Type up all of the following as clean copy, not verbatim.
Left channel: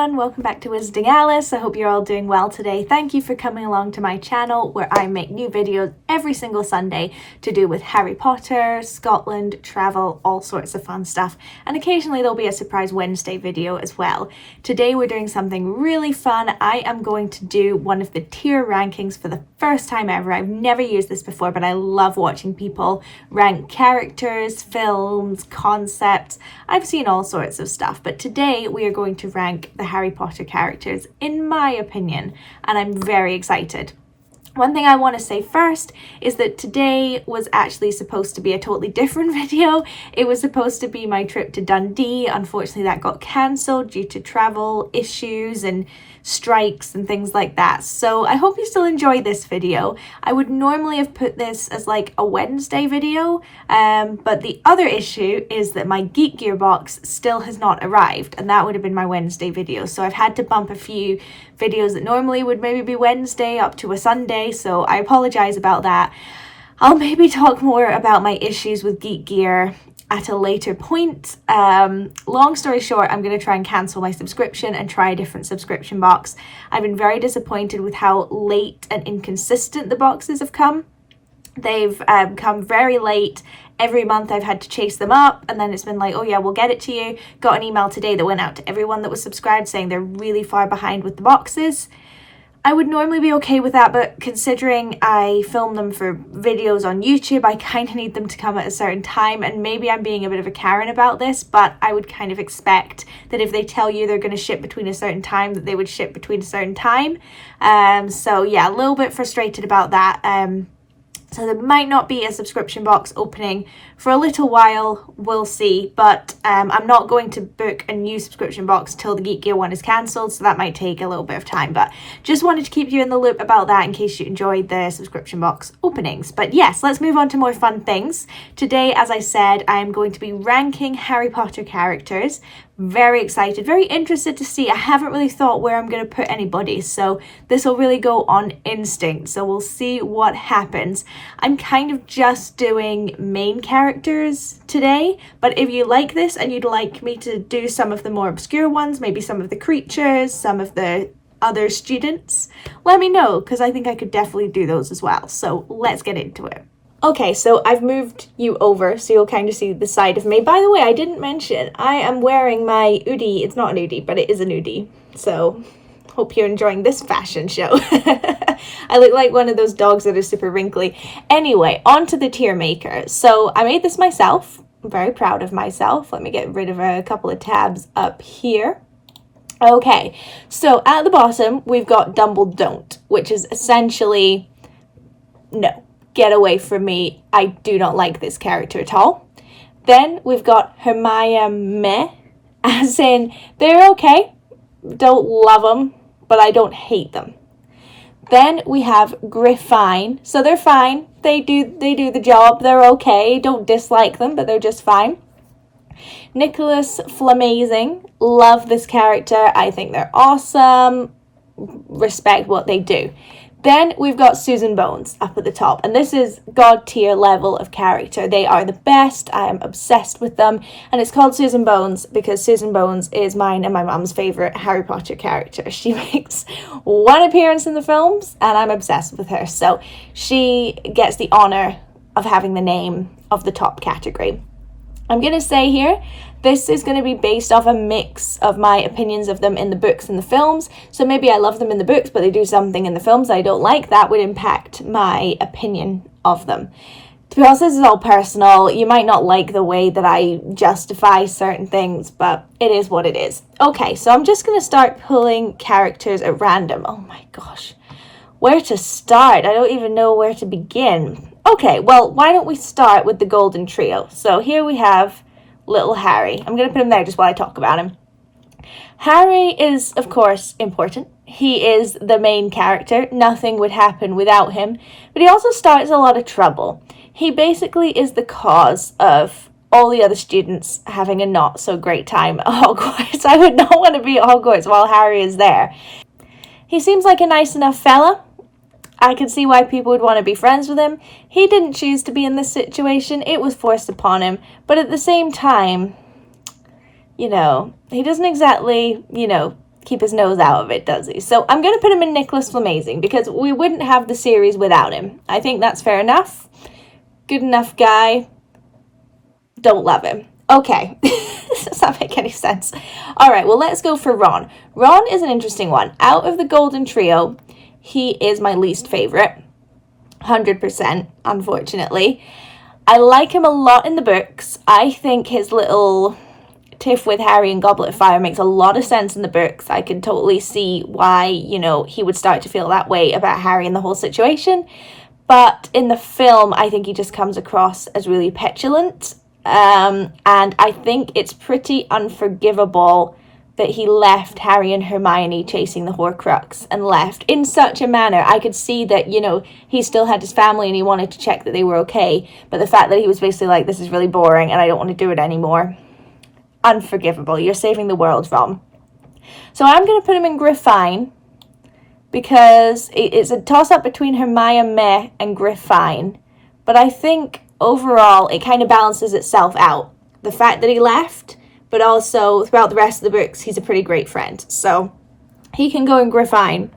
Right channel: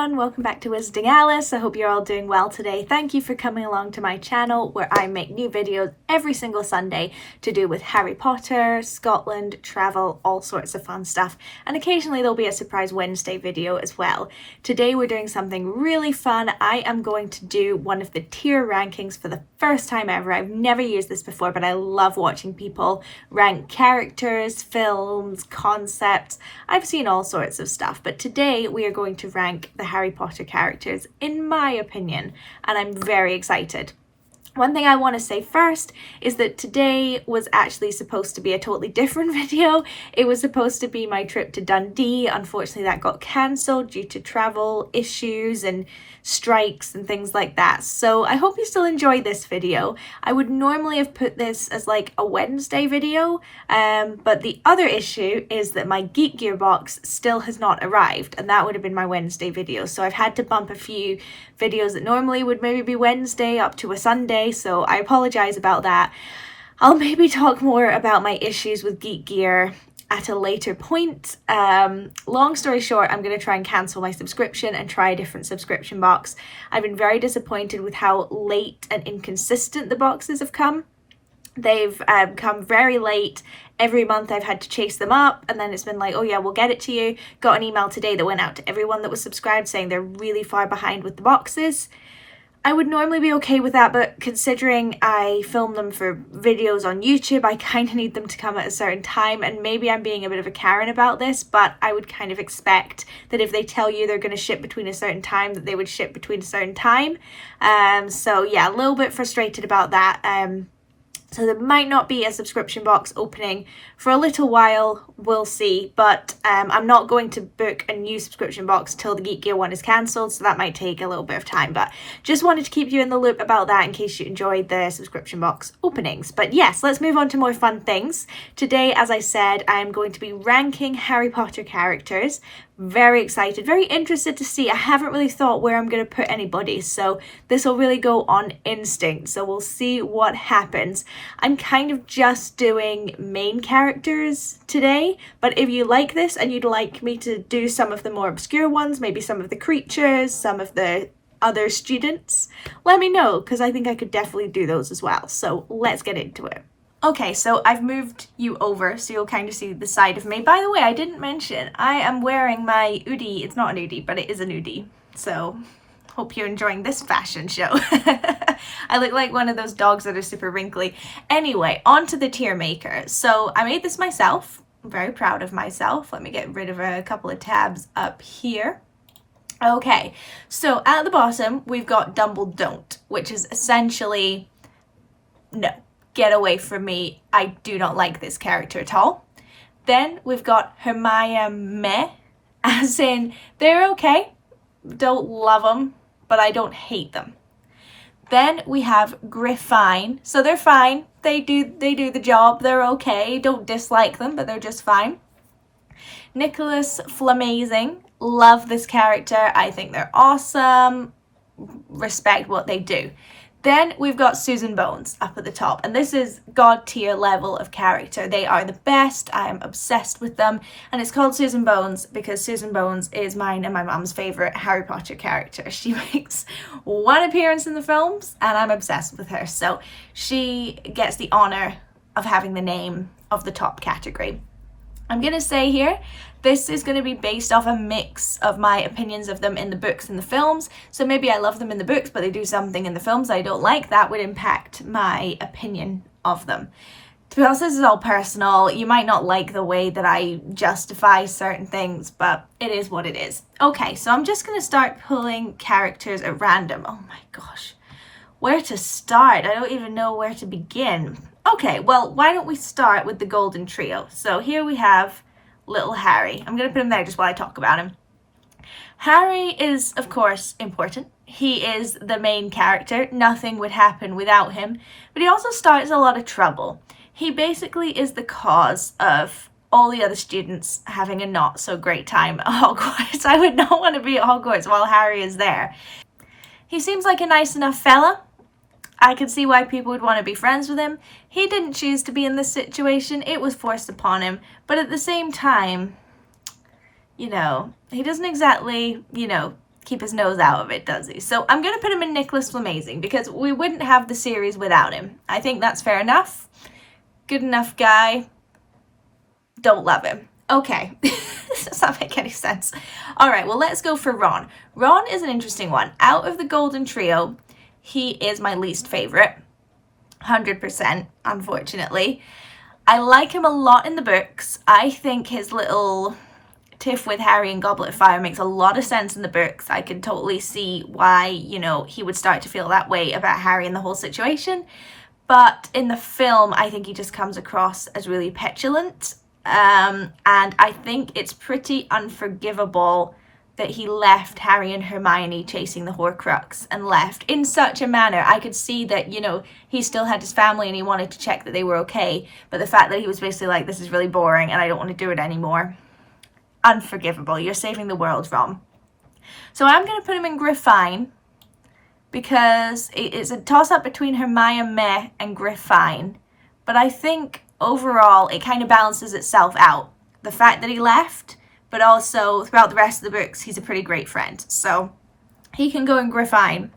everyone, welcome back to Wizarding Alice. I hope you're all doing well today. Thank you for coming along to my channel where I make new videos every single Sunday to do with Harry Potter, Scotland, travel, all sorts of fun stuff. And occasionally there'll be a surprise Wednesday video as well. Today we're doing something really fun. I am going to do one of the tier rankings for the first time ever. I've never used this before, but I love watching people rank characters, films, concepts. I've seen all sorts of stuff, but today we are going to rank the Harry Potter characters in my opinion, and I'm very excited. One thing I want to say first is that today was actually supposed to be a totally different video. It was supposed to be my trip to Dundee. Unfortunately, that got cancelled due to travel issues and strikes and things like that. So I hope you still enjoy this video. I would normally have put this as like a Wednesday video, but the other issue is that my Geek Gear box still has not arrived, and that would have been my Wednesday video. So I've had to bump a few videos that normally would maybe be Wednesday up to a Sunday, so I apologize about that. I'll maybe talk more about my issues with Geek Gear at a later point. Long story short, I'm going to try and cancel my subscription and try a different subscription box. I've been very disappointed with how late and inconsistent the boxes have come. They've come very late. Every month I've had to chase them up, and then it's been like, oh yeah, we'll get it to you. Got an email today that went out to everyone that was subscribed saying they're really far behind with the boxes. I would normally be okay with that, but considering I film them for videos on YouTube, I kind of need them to come at a certain time, and maybe I'm being a bit of a Karen about this, but I would kind of expect that if they tell you they're going to ship between a certain time, that they would ship between a certain time. So yeah, a little bit frustrated about that. So there might not be a subscription box opening for a little while, we'll see, but I'm not going to book a new subscription box till the Geek Gear one is cancelled, so that might take a little bit of time, but just wanted to keep you in the loop about that in case you enjoyed the subscription box openings. But yes, let's move on to more fun things. Today, as I said, I am going to be ranking Harry Potter characters. Very excited, very interested to see. I haven't really thought where I'm going to put anybody, so this will really go on instinct, so we'll see what happens. I'm kind of just doing main characters today, but if you like this and you'd like me to do some of the more obscure ones, maybe some of the creatures, some of the other students, let me know, because I think I could definitely do those as well. So let's get into it. Okay, so I've moved you over so you'll kind of see the side of me. By the way, I didn't mention, I am wearing my Oodie. It's not an Oodie, but it is an Oodie. So, hope you're enjoying this fashion show. I look like one of those dogs that are super wrinkly. Anyway, on to the tier maker. So, I made this myself. I'm very proud of myself. Let me get rid of a couple of tabs up here. Okay, so at the bottom, we've got Dumble Don't, which is essentially no. Get away from me, I do not like this character at all. Then we've got Hermione, as in they're okay, don't love them, but I don't hate them. Then we have Griffine, so they're fine, they do the job, they're okay, don't dislike them, but they're just fine. Nicholas Flamazing, love this character, I think they're awesome, respect what they do. Then we've got Susan Bones up at the top, and this is God tier level of character. They are the best. I am obsessed with them, and it's called Susan Bones because Susan Bones is mine and my mum's favourite Harry Potter character. She makes one appearance in the films, and I'm obsessed with her, so she gets the honour of having the name of the top category. I'm going to say here, this is going to be based off a mix of my opinions of them in the books and the films. So maybe I love them in the books, but they do something in the films I don't like. That would impact my opinion of them. To be honest, this is all personal. You might not like the way that I justify certain things, but it is what it is. Okay, so I'm just going to start pulling characters at random. Oh my gosh. Where to start? I don't even know where to begin. Okay, well, why don't we start with the Golden Trio? So here we have little Harry. I'm going to put him there just while I talk about him. Harry is, of course, important. He is the main character. Nothing would happen without him. But he also starts a lot of trouble. He basically is the cause of all the other students having a not so great time at Hogwarts. I would not want to be at Hogwarts while Harry is there. He seems like a nice enough fella. I can see why people would want to be friends with him. He didn't choose to be in this situation. It was forced upon him. But at the same time, he doesn't exactly, keep his nose out of it, does he? So I'm going to put him in Nicholas Flamazing because we wouldn't have the series without him. I think that's fair enough. Good enough guy. Don't love him. Okay. Does that make any sense? All right, well, let's go for Ron. Ron is an interesting one. Out of the Golden Trio, he is my least favorite. 100%, unfortunately. I like him a lot in the books. I think his little tiff with Harry and Goblet of Fire makes a lot of sense in the books. I can totally see why, you know, he would start to feel that way about Harry and the whole situation. But in the film, I think he just comes across as really petulant. And I think it's pretty unforgivable that he left Harry and Hermione chasing the Horcrux and left in such a manner. I could see that, you know, he still had his family and he wanted to check that they were okay. But the fact that he was basically like, this is really boring and I don't want to do it anymore. Unforgivable. You're saving the world, Ron. So I'm going to put him in Griffine because it's a toss-up between Hermione meh and Griffine. But I think overall it kind of balances itself out. The fact that he left, but also throughout the rest of the books, he's a pretty great friend. So he can go in Griffine.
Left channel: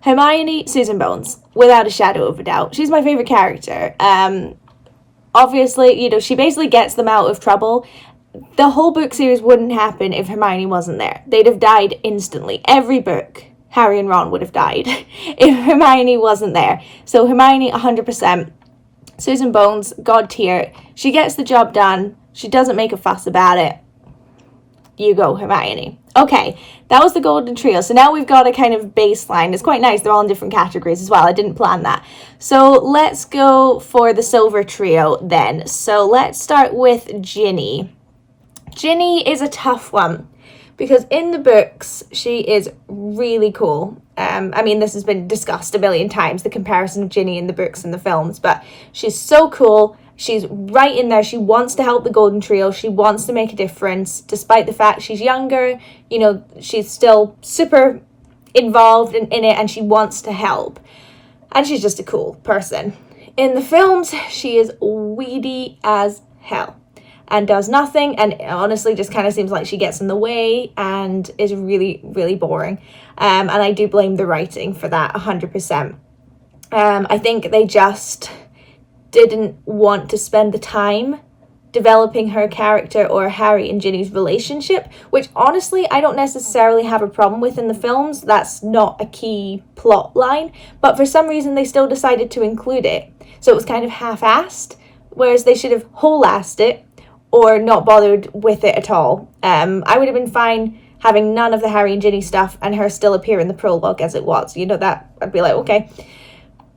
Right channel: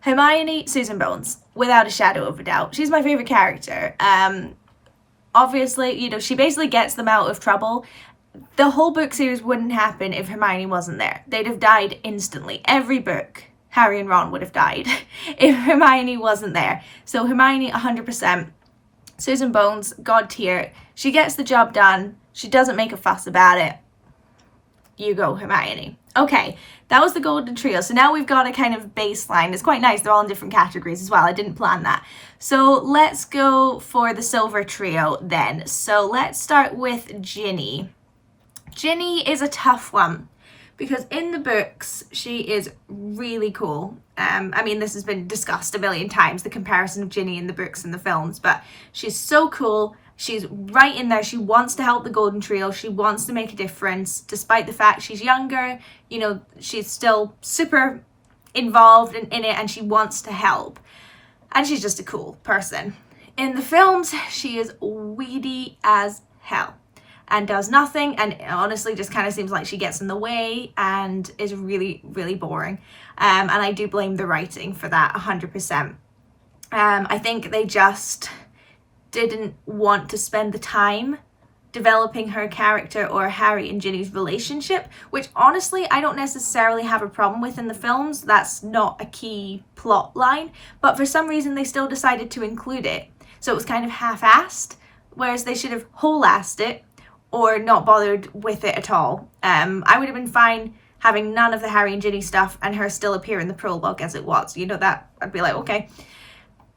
Hermione, Susan Bones, without a shadow of a doubt. She's my favorite character. Obviously, you know, she basically gets them out of trouble. The whole book series wouldn't happen if Hermione wasn't there. They'd have died instantly. Every book, Harry and Ron would have died if Hermione wasn't there. So Hermione, 100%. Susan Bones, God tier. She gets the job done. She doesn't make a fuss about it. You go, Hermione. Okay, that was the Golden Trio. So now we've got a kind of baseline. It's quite nice. They're all in different categories as well. I didn't plan that. So let's go for the Silver Trio then. So let's start with Ginny. Ginny is a tough one because in the books, she is really cool. I mean, this has been discussed a million times, the comparison of Ginny in the books and the films, but she's so cool. She's right in there. She wants to help the Golden Trio. She wants to make a difference, despite the fact she's younger. You know, she's still super involved in it and she wants to help. And she's just a cool person. In the films, she is weedy as hell and does nothing and honestly just kind of seems like she gets in the way and is really, really boring. And I do blame the writing for that 100%. I think they just didn't want to spend the time developing her character or Harry and Ginny's relationship, which honestly I don't necessarily have a problem with in the films. That's not a key plot line, but for some reason they still decided to include it. So it was kind of half-assed, whereas they should have whole-assed it or not bothered with it at all. I would have been fine having none of the Harry and Ginny stuff and her still appear in the prologue as it was. You know, that I'd be like, okay.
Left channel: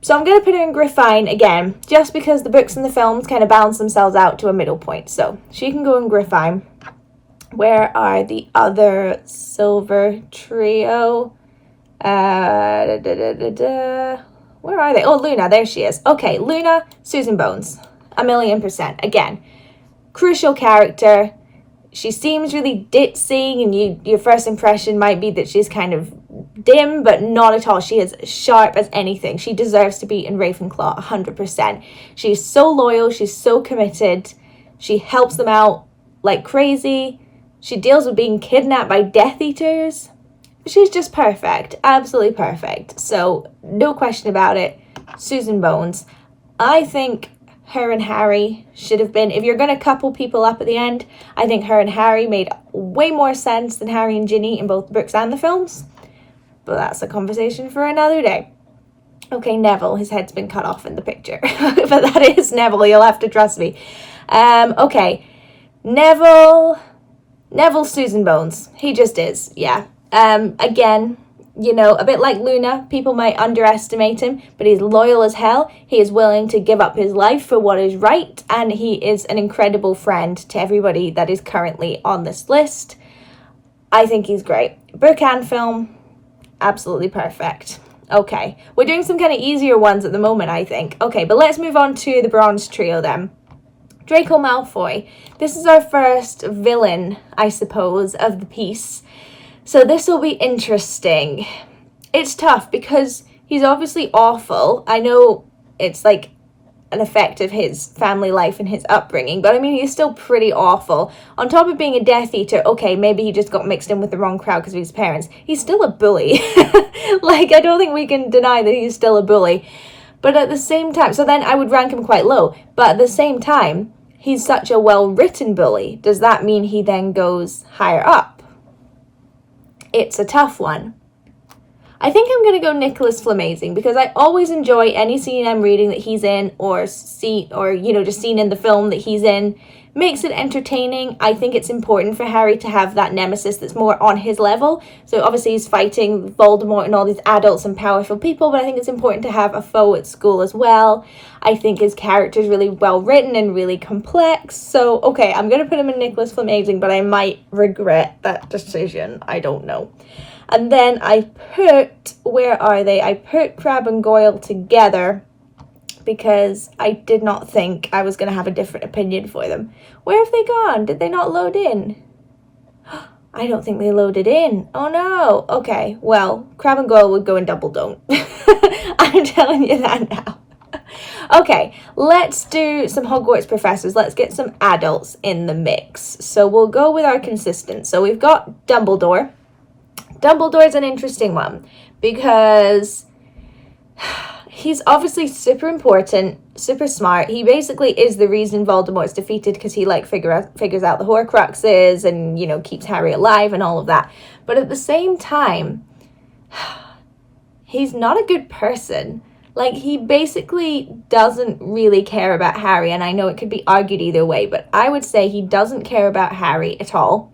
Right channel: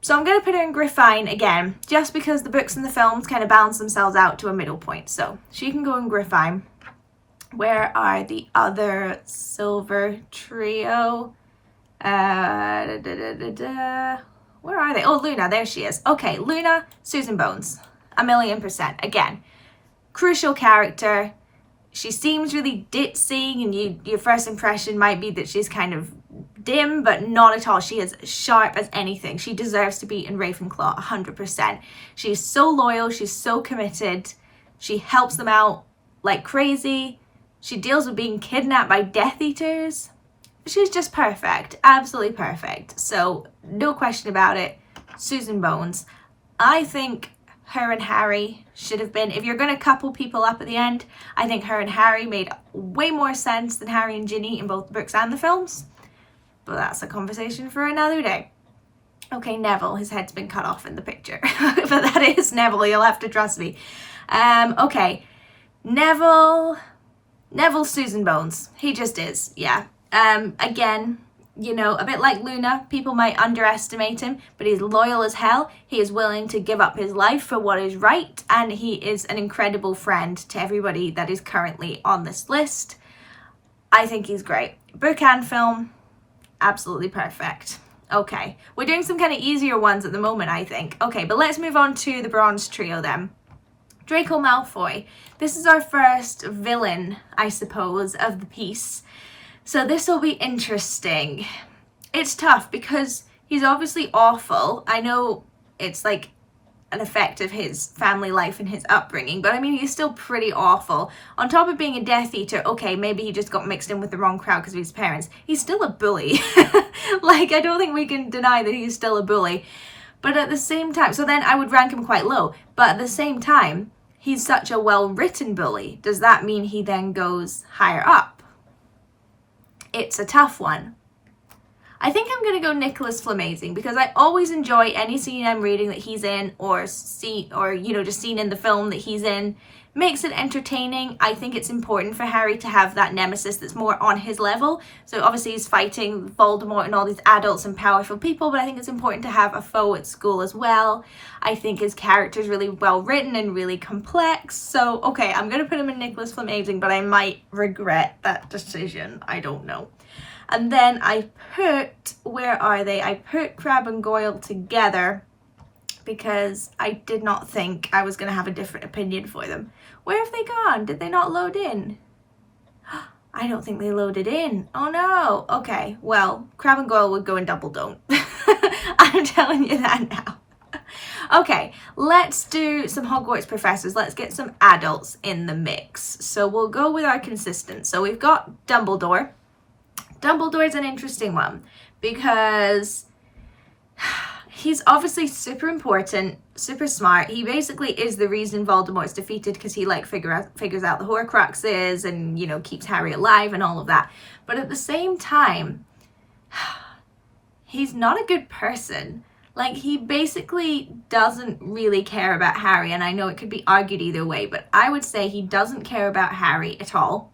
So I'm going to put her in Griffine again, just because the books and the films kind of balance themselves out to a middle point. So she can go in Griffine. Where are the other Silver Trio? Where are they? Oh, Luna, there she is. Okay, Luna, Susan Bones, 1,000,000%. Again, crucial character. She seems really ditzy, and your first impression might be that she's kind of dim, but not at all. She is sharp as anything. She deserves to be in Ravenclaw 100%. She's so loyal. She's so committed. She helps them out like crazy. She deals with being kidnapped by Death Eaters. She's just perfect. Absolutely perfect. So no question about it. Susan Bones. I think her and Harry should have been, if you're going to couple people up at the end, I think her and Harry made way more sense than Harry and Ginny in both the books and the films. But that's a conversation for another day. Okay, Neville, his head's been cut off in the picture. But that is Neville, you'll have to trust me. Okay, Neville, Susan Bones. He just is, yeah. Again, you know, a bit like Luna, people might underestimate him, but he's loyal as hell. He is willing to give up his life for what is right, and he is an incredible friend to everybody that is currently on this list. I think he's great. Book and film, absolutely perfect. Okay, we're doing some kind of easier ones at the moment, I think. Okay, but let's move on to the Bronze Trio then. Draco Malfoy. This is our first villain, I suppose, of the piece. So this will be interesting. It's tough because he's obviously awful. I know it's like an effect of his family life and his upbringing, but I mean, he's still pretty awful. On top of being a Death Eater, okay, maybe he just got mixed in with the wrong crowd because of his parents. He's still a bully. Like, I don't think we can deny that he's still a bully. But at the same time, so then I would rank him quite low. But at the same time, he's such a well-written bully. Does that mean he then goes higher up? It's a tough one. I think I'm going to go Nicholas Flamazing because I always enjoy any scene I'm reading that he's in or just seen in the film that he's in. Makes it entertaining. I think it's important for Harry to have that nemesis that's more on his level. So obviously he's fighting Voldemort and all these adults and powerful people, but I think it's important to have a foe at school as well. I think his character is really well written and really complex. So, okay, I'm going to put him in Nicholas Flamazing, but I might regret that decision. I don't know. And then I put, where are they? I put Crabbe and Goyle together because I did not think I was going to have a different opinion for them. Where have they gone? Did they not load in? I don't think they loaded in. Oh no. Okay, well, Crabbe and Goyle would go in double don't. I'm telling you that now. Okay, let's do some Hogwarts Professors. Let's get some adults in the mix. So we'll go with our consistent. So we've got Dumbledore. Dumbledore's an interesting one because he's obviously super important, super smart. He basically is the reason Voldemort's defeated because he figures out the Horcruxes and, you know, keeps Harry alive and all of that. But at the same time, he's not a good person. Like, he basically doesn't really care about Harry, and I know it could be argued either way, but I would say he doesn't care about Harry at all.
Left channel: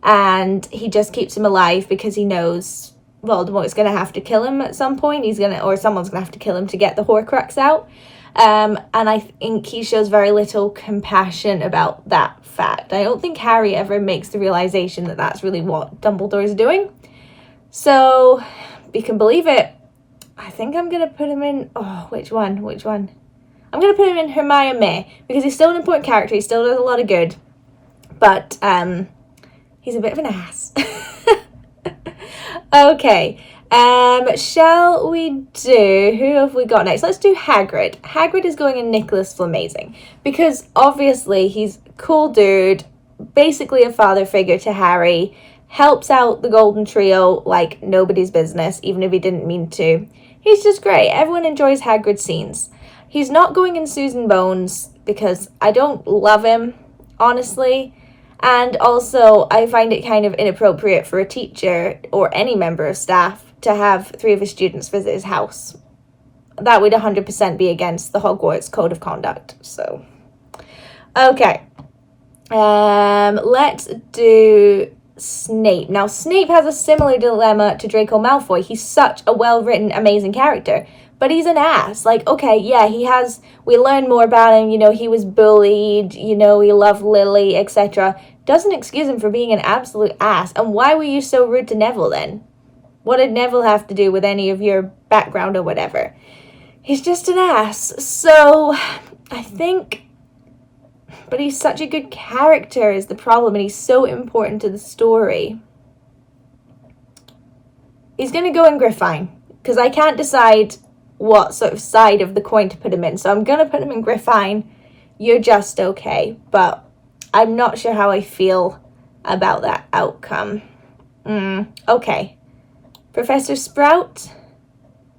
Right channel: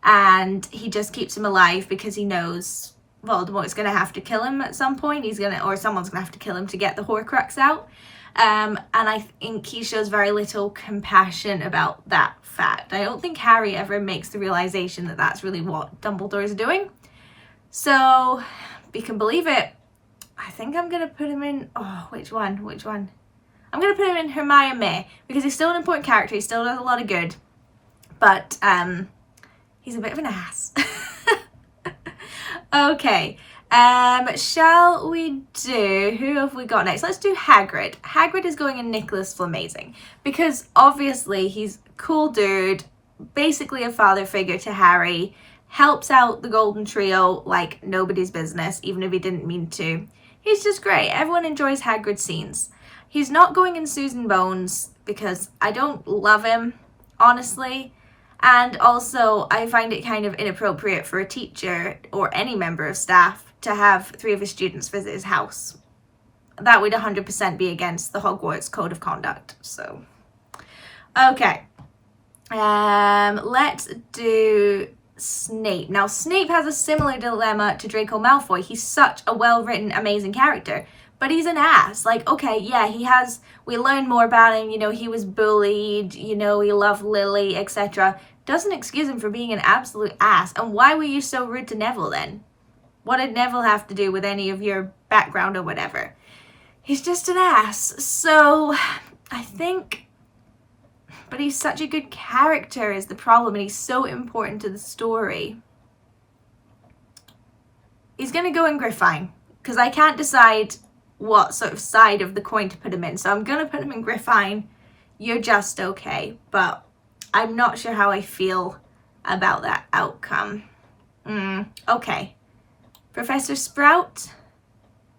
And he just keeps him alive because he knows Voldemort's going to have to kill him at some point. Or someone's going to have to kill him to get the Horcrux out. And I think he shows very little compassion about that fact. I don't think Harry ever makes the realization that that's really what Dumbledore is doing. So, you can believe it. I think I'm going to put him in... Oh, which one? I'm going to put him in Hermione because he's still an important character. He still does a lot of good. But, he's a bit of an ass. Okay, shall we do, who have we got next? Let's do Hagrid. Hagrid is going in Nicholas Flamazing because obviously he's a cool dude, basically a father figure to Harry, helps out the Golden Trio like nobody's business, even if he didn't mean to. He's just great. Everyone enjoys Hagrid's scenes. He's not going in Susan Bones because I don't love him, honestly. And also, I find it kind of inappropriate for a teacher or any member of staff to have 3 of his students visit his house. That would 100% be against the Hogwarts Code of Conduct. So, okay. Let's do Snape. Now, Snape has a similar dilemma to Draco Malfoy. He's such a well-written, amazing character. But he's an ass. Like, okay, yeah, we learn more about him, you know, he was bullied, you know, he loved Lily, etc. Doesn't excuse him for being an absolute ass. And why were you so rude to Neville then? What did Neville have to do with any of your background or whatever? He's just an ass. So, I think... But he's such a good character is the problem, and he's so important to the story. He's going to go in Griffine, because I can't decide what sort of side of the coin to put him in. So I'm going to put him in Griffine. You're just okay, but I'm not sure how I feel about that outcome. Okay. Professor Sprout.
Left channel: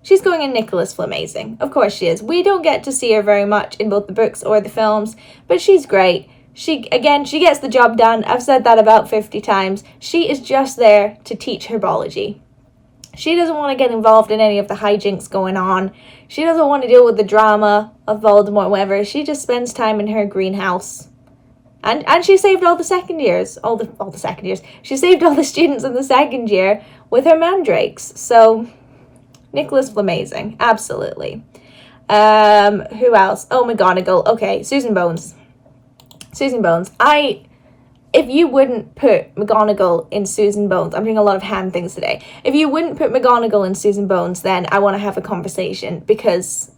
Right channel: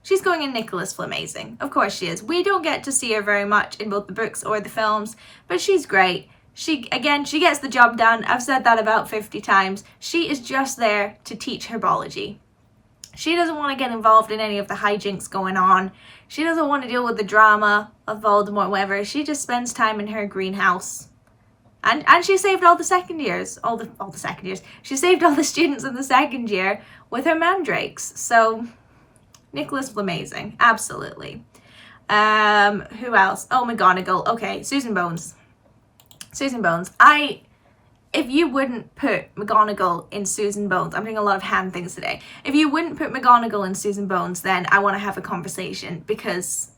She's going in Nicholas Flamazing. Of course she is. We don't get to see her very much in both the books or the films, but she's great. She gets the job done. I've said that about 50 times. She is just there to teach herbology. She doesn't want to get involved in any of the hijinks going on. She doesn't want to deal with the drama of Voldemort, whatever. She just spends time in her greenhouse. And she saved all the second years. All the second years. She saved all the students in the second year with her mandrakes. So, Nicholas Flamazing. Absolutely. Who else? Oh, McGonagall. Okay, Susan Bones. If you wouldn't put McGonagall in Susan Bones, I'm doing a lot of hand things today. If you wouldn't put McGonagall in Susan Bones, then I want to have a conversation because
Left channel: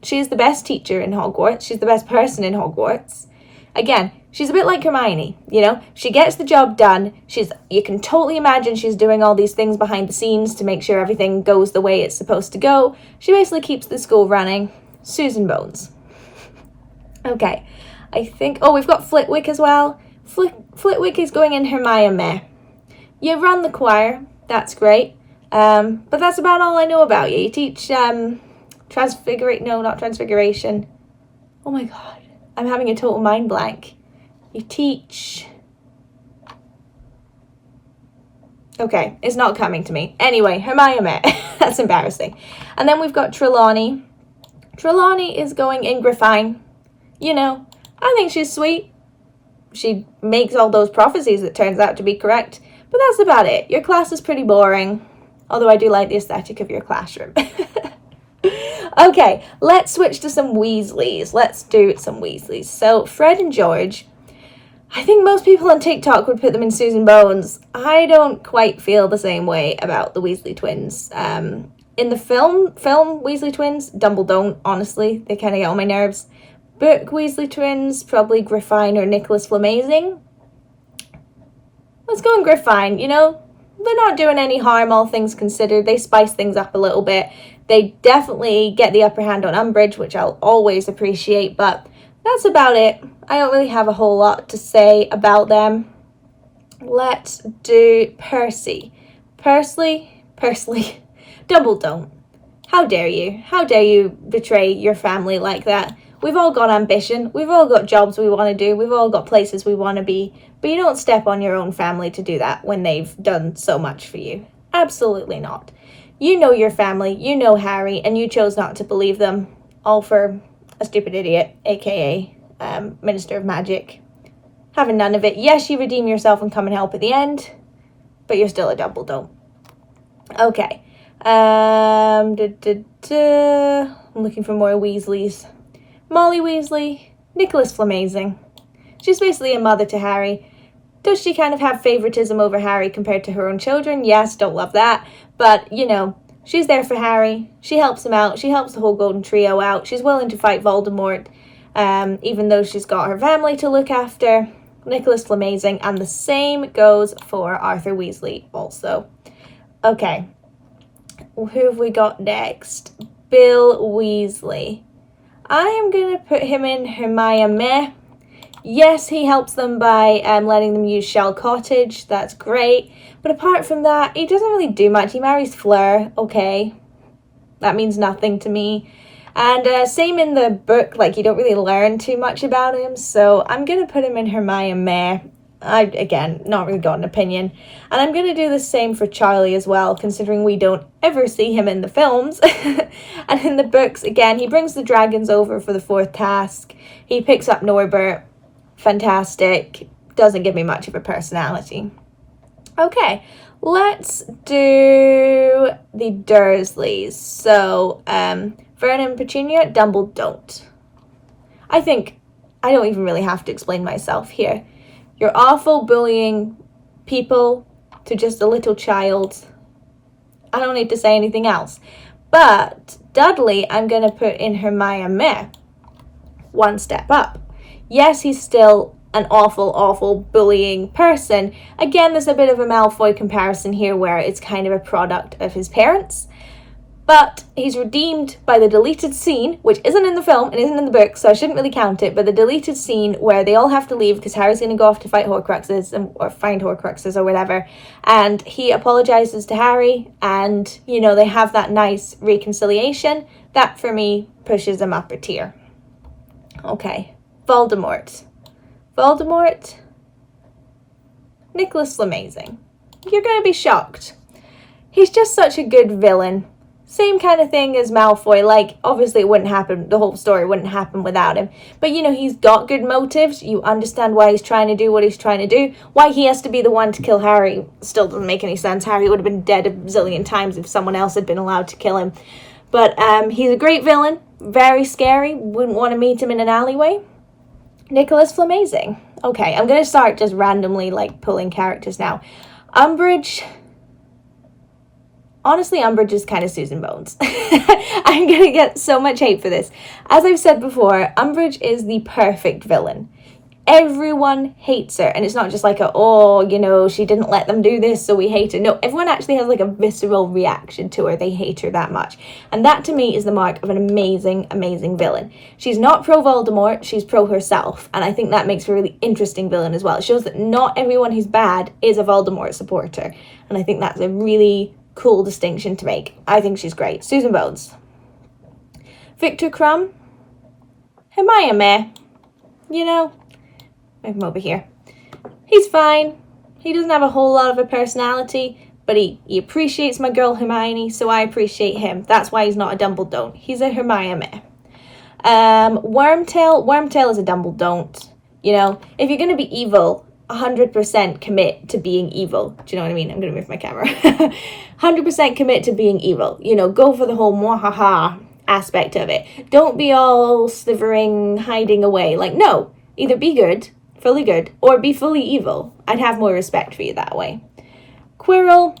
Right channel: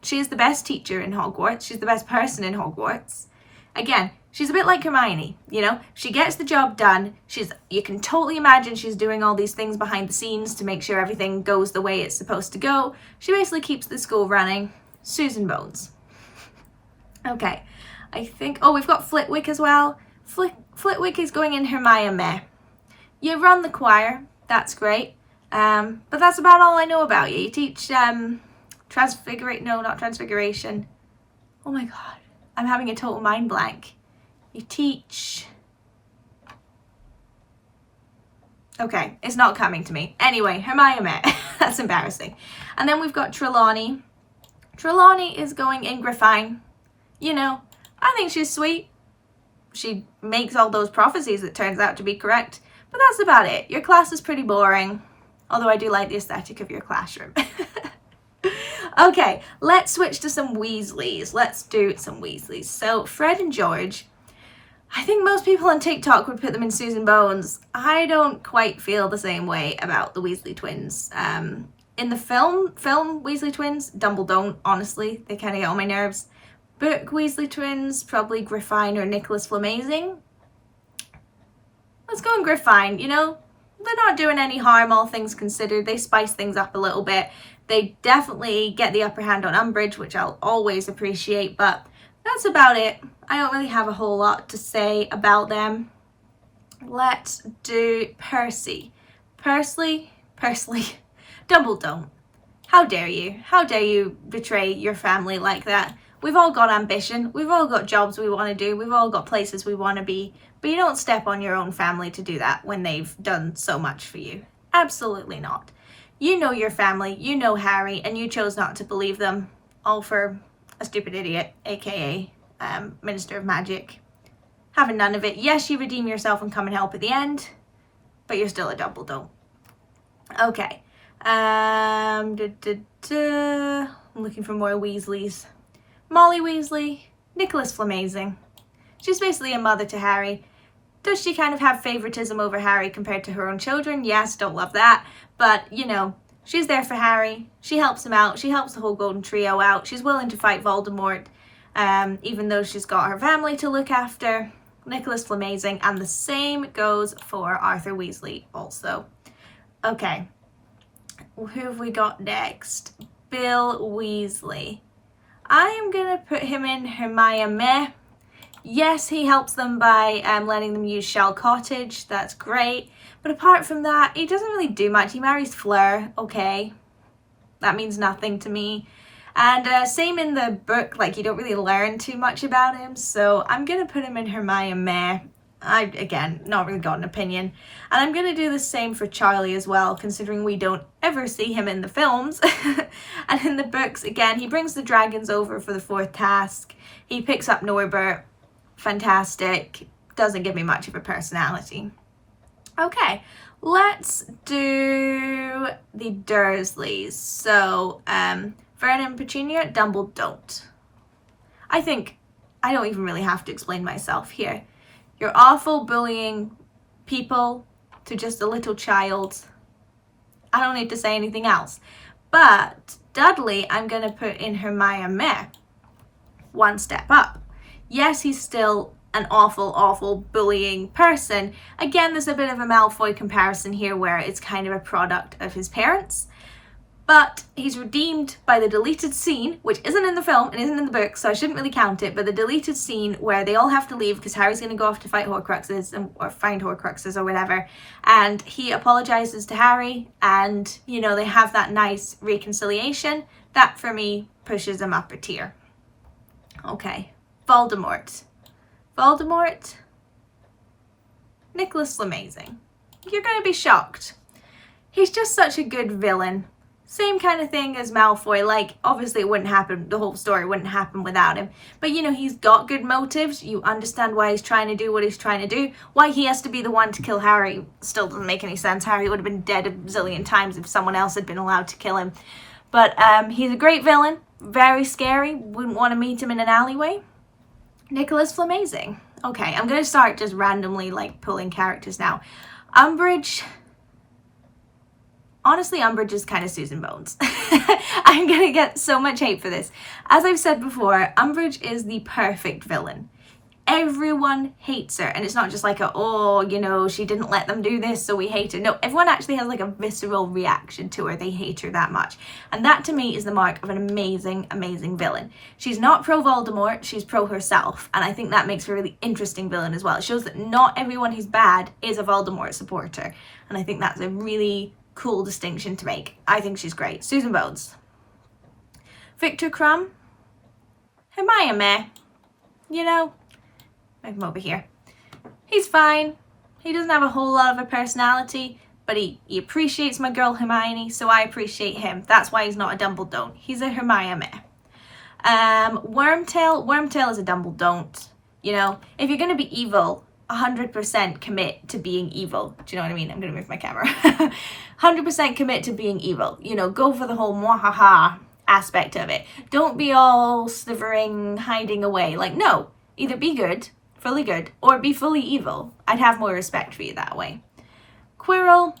she's the best teacher in Hogwarts. She's the best person in Hogwarts. Again, she's a bit like Hermione, you know? She gets the job done. You can totally imagine she's doing all these things behind the scenes to make sure everything goes the way it's supposed to go. She basically keeps the school running. Susan Bones. Okay, I think, oh, we've got Flitwick as well. Flitwick is going in Hermione. You run the choir, that's great. But that's about all I know about you. You teach, transfiguration. Oh my god, I'm having a total mind blank. You teach... Okay, it's not coming to me. Anyway, Hermione. That's embarrassing. And then we've got Trelawney. Trelawney is going in Griffine. You know, I think she's sweet. She makes all those prophecies that turns out to be correct. But that's about it. Your class is pretty boring. Although I do like the aesthetic of your classroom. Okay, let's switch to some Weasleys. Let's do some Weasleys. So, Fred and George... I think most people on TikTok would put them in Susan Bones. I don't quite feel the same way about the Weasley twins. In the film Weasley Twins, Dumbledore, honestly, they kind of get on my nerves. Book Weasley Twins, probably Griffine or Nicholas Flamazing. Let's go in Griffine, you know? They're not doing any harm, all things considered. They spice things up a little bit. They definitely get the upper hand on Umbridge, which I'll always appreciate, but that's about it. I don't really have a whole lot to say about them. Let's do Percy. Dumbledore. How dare you? How dare you betray your family like that? We've all got ambition. We've all got jobs we want to do. We've all got places we want to be. But you don't step on your own family to do that when they've done so much for you. Absolutely not. You know your family. You know Harry. And you chose not to believe them. All for a stupid idiot, aka Minister of Magic. Having none of it. Yes, you redeem yourself and come and help at the end, but you're still a Dumbledore. Okay. I'm looking for more Weasleys. Molly Weasley, Nicholas Flamazing. She's basically a mother to Harry. Does she kind of have favoritism over Harry compared to her own children? Yes, don't love that. But, you know, she's there for Harry. She helps him out. She helps the whole Golden Trio out. She's willing to fight Voldemort, even though she's got her family to look after. Nicholas Flamazing. And the same goes for Arthur Weasley also. Okay. Who have we got next? Bill Weasley. I am going to put him in Hermione. Yes, he helps them by letting them use Shell Cottage. That's great. But apart from that, he doesn't really do much. He marries Fleur. Okay. That means nothing to me. And same in the book. Like, you don't really learn too much about him. So I'm going to put him in Hermione. Again, not really got an opinion. And I'm going to do the same for Charlie as well, considering we don't ever see him in the films. And in the books, again, he brings the dragons over for the 4th task. He picks up Norbert. Fantastic. Doesn't give me much of a personality. Okay, let's do the Dursleys. So, Vernon and Petunia, Dumbledore. I think I don't even really have to explain myself here. You're awful bullying people to just a little child. I don't need to say anything else. But Dudley, I'm going to put in Hermione. One step up. Yes, he's still an awful, awful bullying person. Again, there's a bit of a Malfoy comparison here where it's kind of a product of his parents. But he's redeemed by the deleted scene, which isn't in the film and isn't in the book, so I shouldn't really count it, but the deleted scene where they all have to leave because Harry's going to go off to fight Horcruxes, or find Horcruxes or whatever, and he apologizes to Harry, and, you know, they have that nice reconciliation. That, for me, pushes him up a tier. Okay. Voldemort. Nicholas Flamazing. You're going to be shocked. He's just such a good villain. Same kind of thing as Malfoy. Like, obviously it wouldn't happen, the whole story wouldn't happen without him. But, you know, he's got good motives. You understand why he's trying to do what he's trying to do. Why he has to be the one to kill Harry still doesn't make any sense. Harry would have been dead a zillion times if someone else had been allowed to kill him. But he's a great villain. Very scary. Wouldn't want to meet him in an alleyway. Nicholas Flamazing. Okay, I'm going to start just randomly, like, pulling characters now. Umbridge. Honestly, Umbridge is kind of Susan Bones. I'm going to get so much hate for this. As I've said before, Umbridge is the perfect villain. everyone hates her. And it's not just like oh, you know, she didn't let them do this, so we hate her. No, everyone actually has like a visceral reaction to her. They hate her that much. And that to me is the mark of an amazing, amazing villain. She's not pro Voldemort, she's pro herself. And I think that makes her a really interesting villain as well. It shows that not everyone who's bad is a Voldemort supporter. And I think that's a really cool distinction to make. I think she's great. Susan Bones. Victor Crumb. Hermione. You know, move him over here. He's fine. He doesn't have a whole lot of a personality, but he appreciates my girl Hermione, so I appreciate him. That's why he's not a Dumbledore. He's a Hermione. Wormtail is a Dumbledore. You know, if you're going to be evil, 100% commit to being evil. Do you know what I mean? I'm going to move my camera. 100% commit to being evil. You know, go for the whole mwahaha aspect of it. Don't be all slithering, hiding away. Like, no. Either be good, fully good, or be fully evil. I'd have more respect for you that way. Quirrell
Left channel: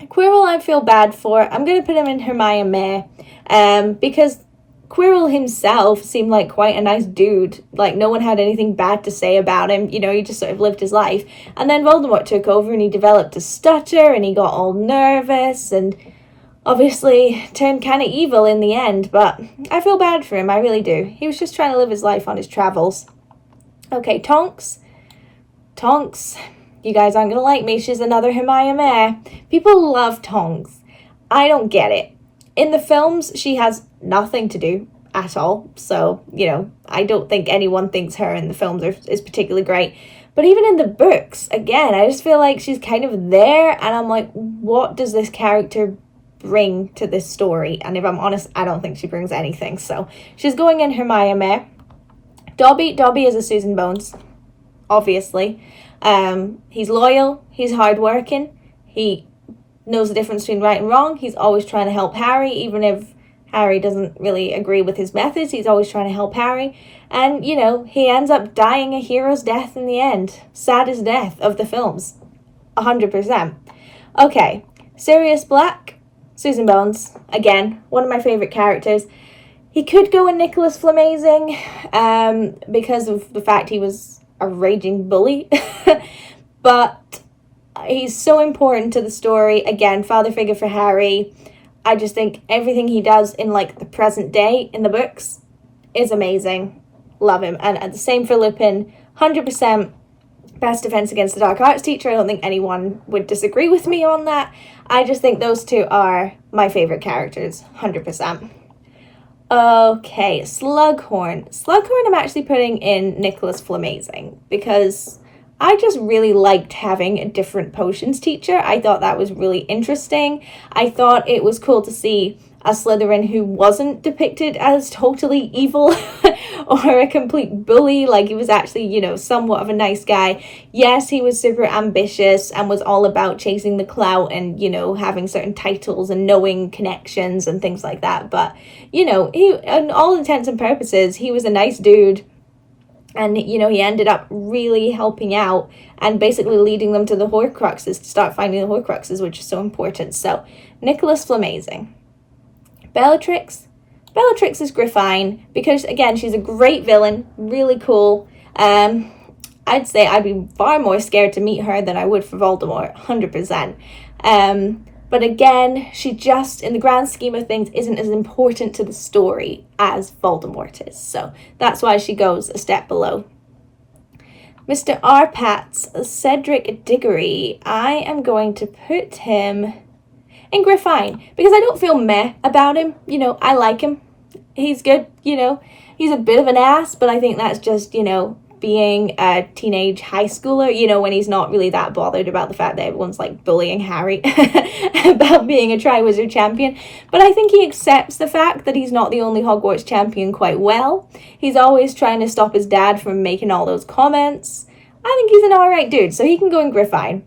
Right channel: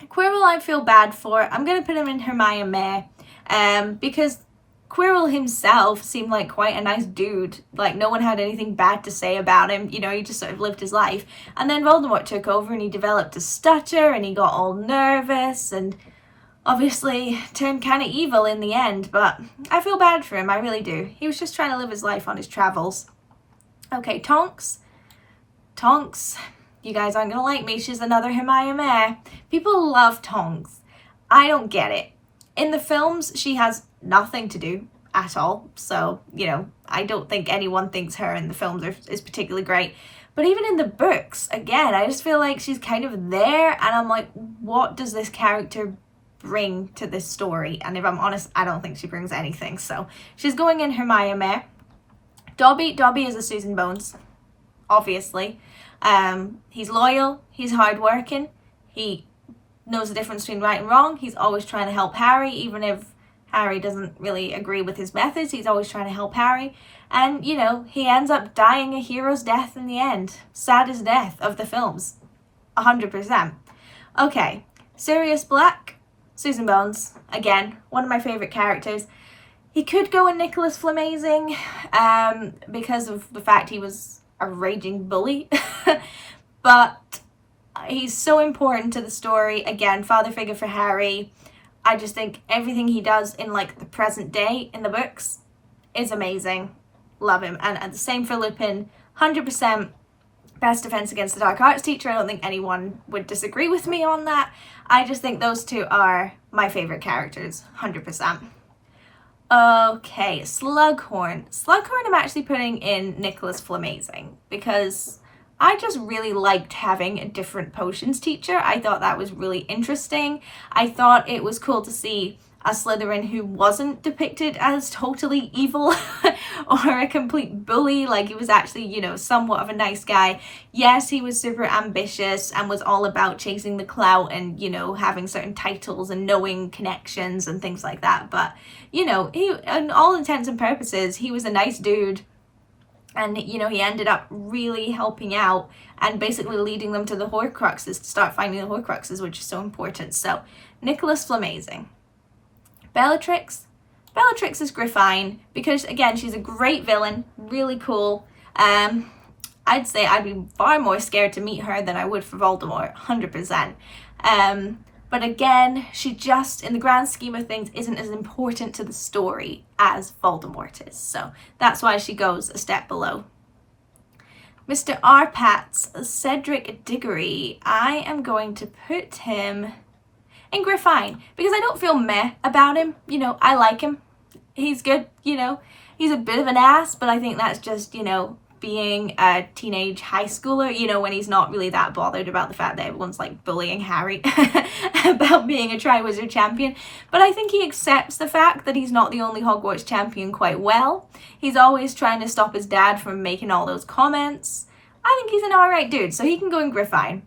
I feel bad for. I'm going to put him in Hermione because Quirrell himself seemed like quite a nice dude. Like, no one had anything bad to say about him. You know, he just sort of lived his life. And then Voldemort took over and he developed a stutter and he got all nervous and obviously turned kind of evil in the end. But I feel bad for him, I really do. He was just trying to live his life on his travels. Okay, Tonks, you guys aren't going to like me. She's another Hermione. People love Tonks. I don't get it. In the films, she has nothing to do at all. So, you know, I don't think anyone thinks her in the films is particularly great. But even in the books, again, I just feel like she's kind of there. And I'm like, what does this character bring to this story? And if I'm honest, I don't think she brings anything. So she's going in Hermione. Dobby is a Susan Bones, obviously. He's loyal, he's hardworking, he knows the difference between right and wrong. He's always trying to help Harry, even if Harry doesn't really agree with his methods. He's always trying to help Harry. And, you know, he ends up dying a hero's death in the end. Saddest death of the films. 100%. Okay, Sirius Black, Susan Bones. Again, one of my favourite characters. He could go in Nicholas Flamazing because of the fact he was a raging bully. But he's so important to the story. Again, father figure for Harry. I just think everything he does in like the present day in the books is amazing. Love him. And the same for Lupin. 100% best defense against the dark arts teacher. I don't think anyone would disagree with me on that. I just think those two are my favorite characters. 100%. Okay, Slughorn. Slughorn I'm actually putting in Nicholas Flamazing because I just really liked having a different potions teacher. I thought that was really interesting. I thought it was cool to see a Slytherin who wasn't depicted as totally evil or a complete bully. Like, he was actually, you know, somewhat of a nice guy. Yes, he was super ambitious and was all about chasing the clout and, you know, having certain titles and knowing connections and things like that. But, you know, he, on all intents and purposes, he was a nice dude. And, you know, he ended up really helping out and basically leading them to the Horcruxes, to start finding the Horcruxes, which is so important. So, Nicholas Flamazing. Bellatrix is Griffine because, again, she's a great villain, really cool. I'd say I'd be far more scared to meet her than I would for Voldemort, 100%. But again, she just, in the grand scheme of things, isn't as important to the story as Voldemort is. So that's why she goes a step below. Mr. Arpats, Cedric Diggory. I am going to put him in Griffine because I don't feel meh about him. You know, I like him. He's good, you know. He's a bit of an ass, but I think that's just, you know, being a teenage high schooler, you know, when he's not really that bothered about the fact that everyone's like bullying Harry about being a Triwizard champion. But I think he accepts the fact that he's not the only Hogwarts champion quite well. He's always trying to stop his dad from making all those comments. I think he's an alright dude, so he can go in Griffine.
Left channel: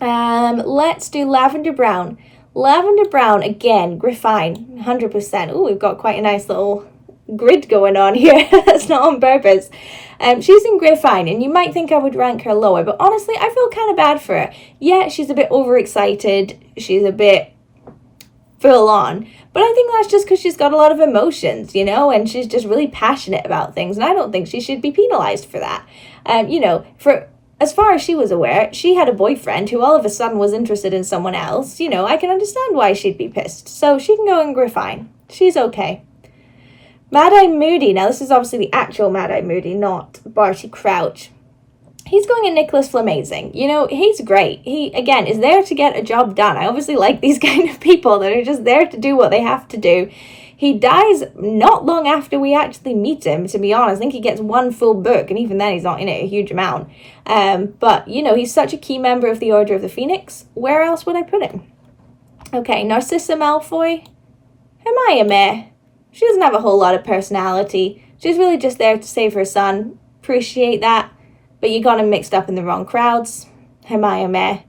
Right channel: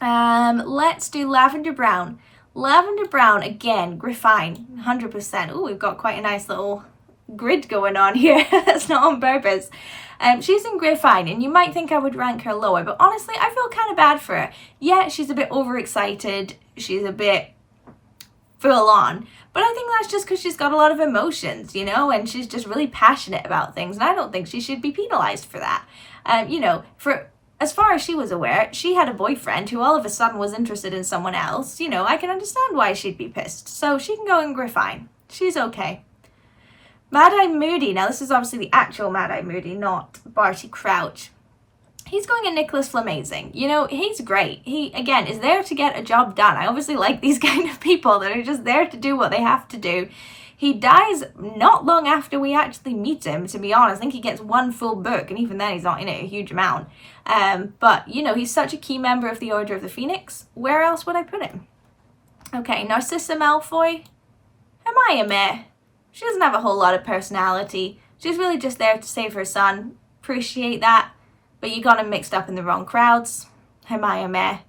Let's do Lavender Brown. Lavender Brown, again, Griffine, 100%. Oh, we've got quite a nice little grid going on here. That's not on purpose. She's in Griffine, and you might think I would rank her lower, but honestly, I feel kind of bad for her. Yeah, she's a bit overexcited. She's a bit full on. But I think that's just because she's got a lot of emotions, you know, and she's just really passionate about things. And I don't think she should be penalized for that. You know, for as far as she was aware, she had a boyfriend who all of a sudden was interested in someone else. You know, I can understand why she'd be pissed. So she can go and Griffine. She's okay. Mad-Eye Moody. Now, this is obviously the actual Mad-Eye Moody, not Barty Crouch. He's going at Nicholas Flamazing. You know, he's great. He, again, is there to get a job done. I obviously like these kind of people that are just there to do what they have to do. He dies not long after we actually meet him, to be honest. I think he gets one full book, and even then he's not in it a huge amount. But, you know, he's such a key member of the Order of the Phoenix. Where else would I put him? Okay, Narcissa Malfoy. Hermione. She doesn't have a whole lot of personality. She's really just there to save her son. Appreciate that. But you got him mixed up in the wrong crowds. Hermione.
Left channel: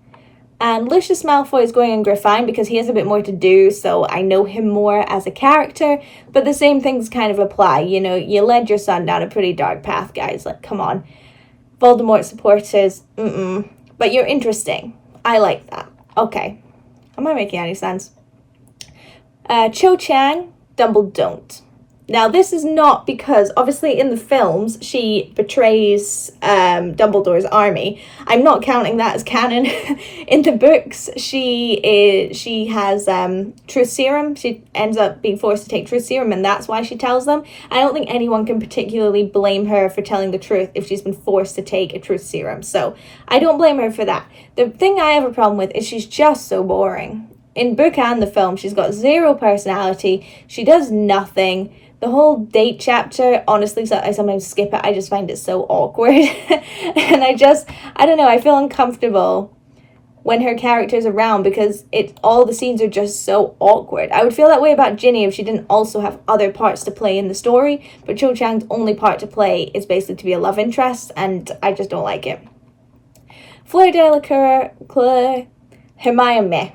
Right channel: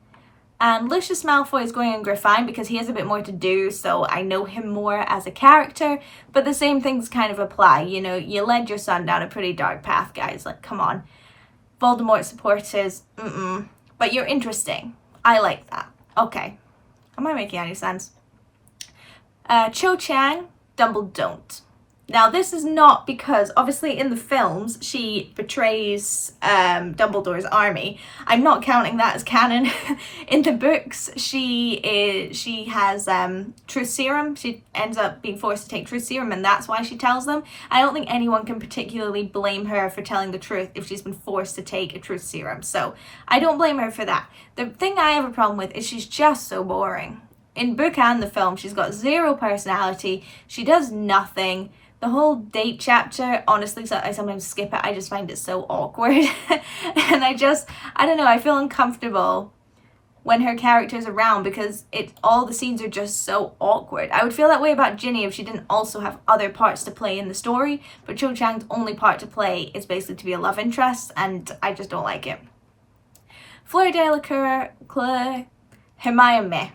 And Lucius Malfoy is going in Griffine because he has a bit more to do, so I know him more as a character. But the same things kind of apply. You know, you led your son down a pretty dark path, guys. Like, come on. Voldemort supporters. But you're interesting. I like that. Okay. Am I making any sense? Cho Chang, Dumbledore. Now, this is not because, obviously, in the films, she betrays Dumbledore's army. I'm not counting that as canon. In the books, she has truth serum. She ends up being forced to take truth serum, and that's why she tells them. I don't think anyone can particularly blame her for telling the truth if she's been forced to take a truth serum. So I don't blame her for that. The thing I have a problem with is she's just so boring. In book and the film, she's got zero personality. She does nothing. The whole date chapter, honestly, so I sometimes skip it. I just find it so awkward. And I don't know, I feel uncomfortable when her character's around because all the scenes are just so awkward. I would feel that way about Ginny if she didn't also have other parts to play in the story. But Cho Chang's only part to play is basically to be a love interest, and I just don't like it. Fleur Delacour, Hermione.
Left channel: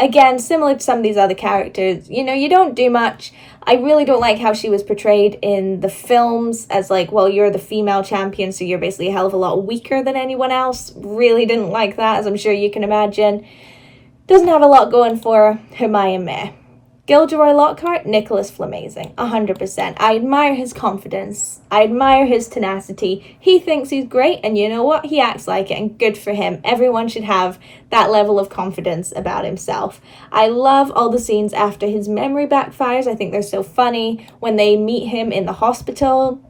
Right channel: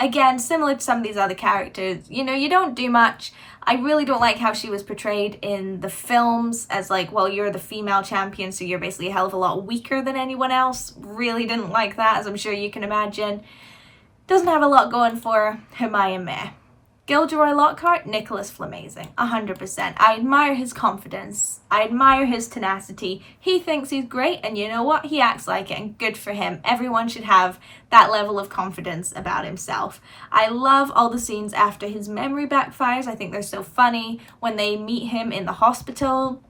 Again, similar to some of these other characters, you know, you don't do much. I really don't like how she was portrayed in the films as like, well, you're the female champion, so you're basically a hell of a lot weaker than anyone else. Really didn't like that, as I'm sure you can imagine. Doesn't have a lot going for her. Hermione. Gilderoy Lockhart, Nicholas Flamazing, 100%. I admire his confidence. I admire his tenacity. He thinks he's great, and you know what? He acts like it, and good for him. Everyone should have that level of confidence about himself. I love all the scenes after his memory backfires. I think they're so funny. When they meet him in the hospital,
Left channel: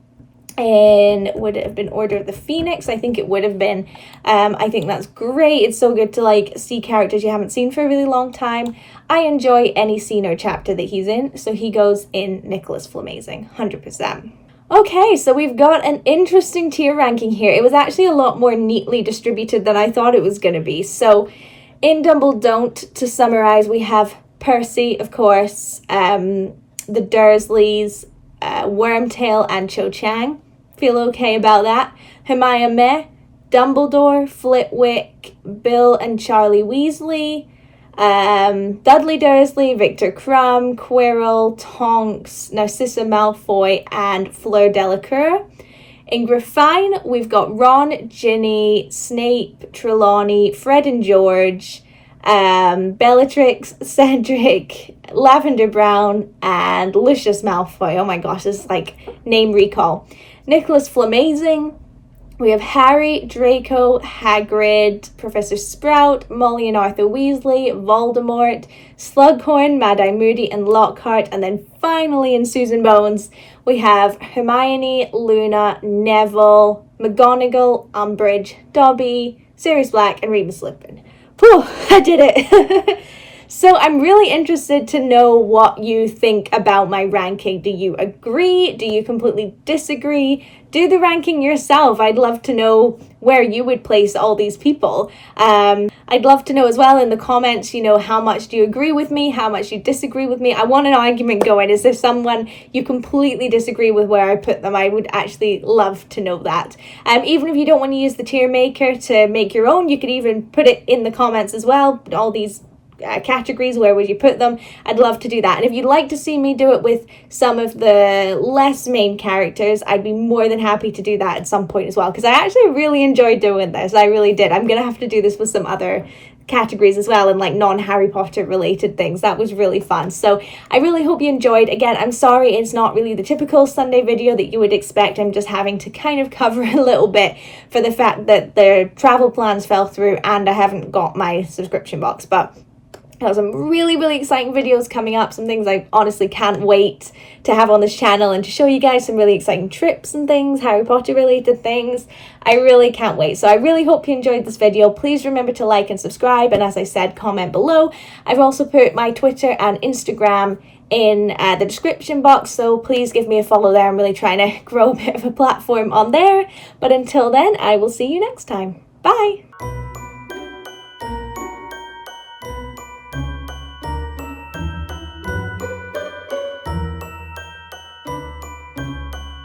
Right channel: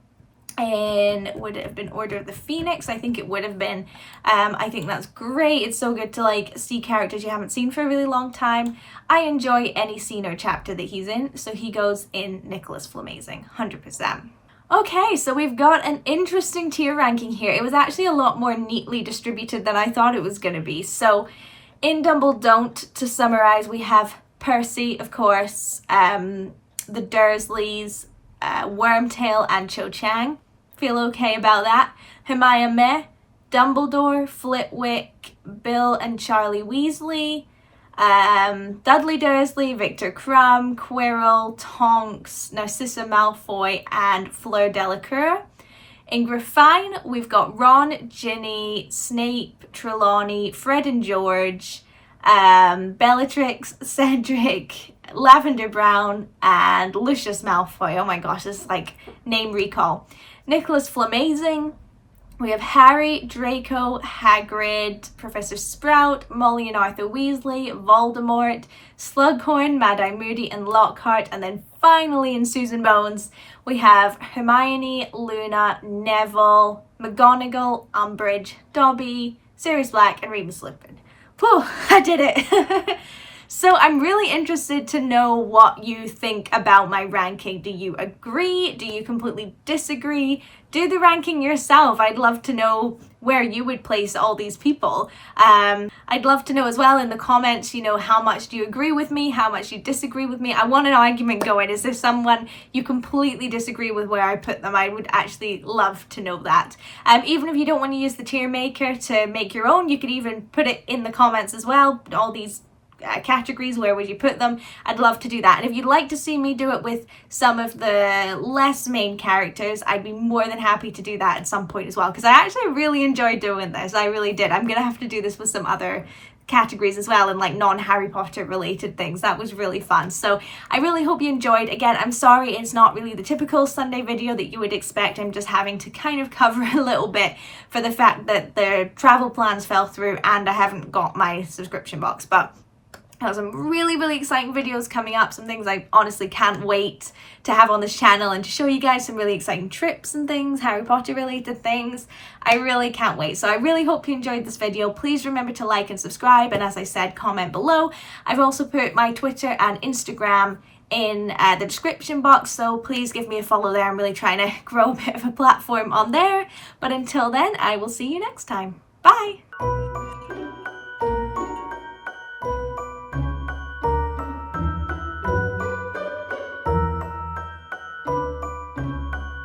and would it have been Order of the Phoenix? I think it would have been. I think that's great. It's so good to like see characters you haven't seen for a really long time. I enjoy any scene or chapter that he's in, so he goes in Nicholas Flamazing, 100%. Okay, so we've got an interesting tier ranking here. It was actually a lot more neatly distributed than I thought it was going to be. So in Dumbledore, to summarize, we have Percy, of course, the Dursleys, Wormtail and Cho Chang. Feel okay about that. Hermione, Dumbledore, Flitwick, Bill and Charlie Weasley, Dudley Dursley, Victor Crumb, Quirrell, Tonks, Narcissa Malfoy, and Fleur Delacour. In Griffine, we've got Ron, Ginny, Snape, Trelawney, Fred and George, Bellatrix, Cedric, Lavender Brown, and Lucius Malfoy. Oh my gosh, this is like name recall. Nicholas Flamazing. We have Harry, Draco, Hagrid, Professor Sprout, Molly and Arthur Weasley, Voldemort, Slughorn, Mad-Eye Moody, and Lockhart. And then finally in Susan Bones, we have Hermione, Luna, Neville, McGonagall, Umbridge, Dobby, Sirius Black, and Remus Lupin. Whew, I did it. So I'm really interested to know what you think about my ranking. Do you agree? Do you completely disagree? Do the ranking yourself. I'd love to know where you would place all these people. I'd love to know as well in the comments, you know, how much do you agree with me? How much you disagree with me? I want an argument going. Is there someone you completely disagree with where I put them? I would actually love to know that. Even if you don't want to use the tier maker to make your own, you could even put it in the comments as well. All these categories, where would you put them? I'd love to do that. And if you'd like to see me do it with some of the less main characters, I'd be more than happy to do that at some point as well, because I actually really enjoyed doing this. I really did. I'm gonna have to do this with some other categories as well, and like non-Harry Potter related things. That was really fun. So I really hope you enjoyed. Again, I'm sorry it's not really the typical Sunday video that you would expect. I'm just having to kind of cover a little bit for the fact that the travel plans fell through and I haven't got my subscription box. But I have some really, really exciting videos coming up, some things I honestly can't wait to have on this channel and to show you guys, some really exciting trips and things, Harry Potter related things. I really can't wait. So I really hope you enjoyed this video. Please remember to like and subscribe, and as I said, comment below. I've also put my Twitter and Instagram in the description box, so please give me a follow there. I'm really trying to grow a bit of a platform on there. But until then, I will see you next time. Bye!